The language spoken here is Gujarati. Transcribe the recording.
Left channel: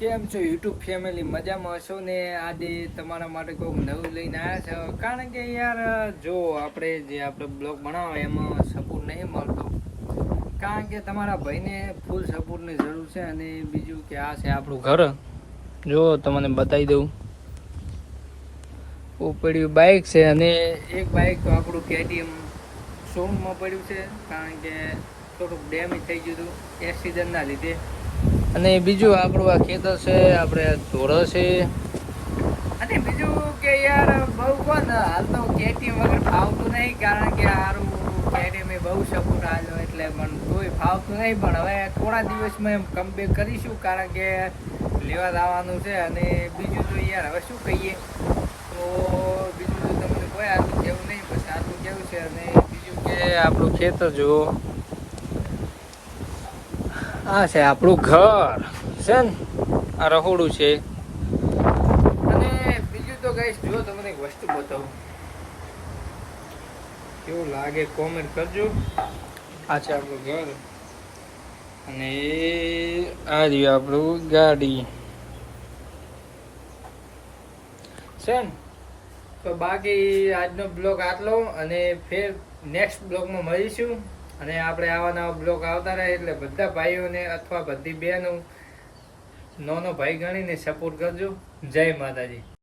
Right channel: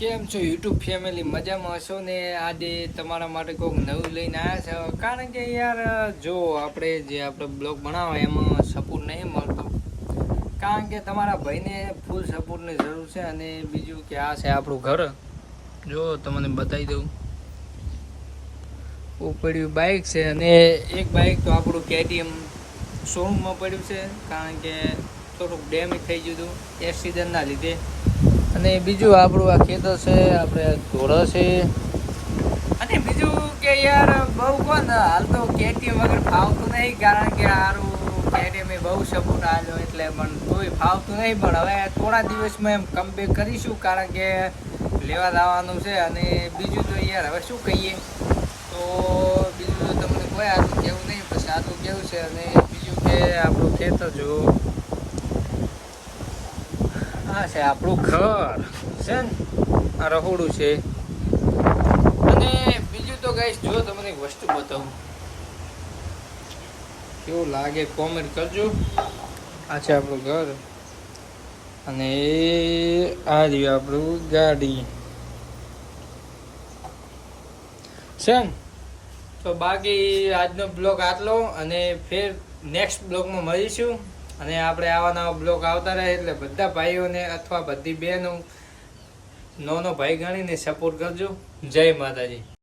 કેમ છો યુટ્યુબ ફેમિલી? મજામાં હશો ને? આજે તમારા માટે કોઈક નવું લઈને આવ્યા છે. કારણ કે યાર જો આપણે બ્લોગ બનાવો એમાં સપોર્ટ નહીં મળતો. કારણ કે તમારા ભાઈને ફૂલ સપોર્ટની જરૂર છે. અને બીજું કે આ છે આપણું ઘર. જો તમને બતાવી દઉં, પડ્યું બાઇક છે. અને એક બાઇક તો આપણું KTM શોરૂમમાં પડ્યું છે. કારણ કે થોડુંક ડેમેજ થઈ ગયું હતું એક્સિડન્ટના લીધે. અને બીજું આપણું આ ખેતર છે, આપણે ઢોરો છે. અને બીજું કે યાર બહુ કોણ હાલ તો KTM વગર ફાવતું નહીં. કારણ કે સારું KTM બહુ સપોર્ટ આવ્યો એટલે પણ તોય ફાવતું નહીં. પણ હવે થોડા દિવસમાં એમ કમબેક કરીશું, કારણ કે લેવા જવાનું છે. અને બીજું તો યાર હવે શું કહીએ, તો બીજું તો તમને કોઈ આટલું કેવું નહીં, બસ આટલું કેવું છે. અને બીજું કે આપણું ખેતર જુઓ, આ છે આપણું ઘર છે ને, આ રહોડું છે. અને બીજું તો ગાઈસ જો તમને એક વસ્તુ બતાવું, કેવું લાગે કોમેન્ટ કરજો. આ છે આપણું ઘર અને આ રહ્યું આપણું ગાડી છે ને. તો બાકી આજનો બ્લોગ આટલો, અને ફેર નેક્સ્ટ બ્લોગમાં મળીશું. અને આપણે આવા નવા બ્લોગ આવતા રહે એટલે બધા ભાઈઓને અથવા બધી બહેનો નાનો ભાઈ ગણીને સપોર્ટ કરજો. જય માતાજી.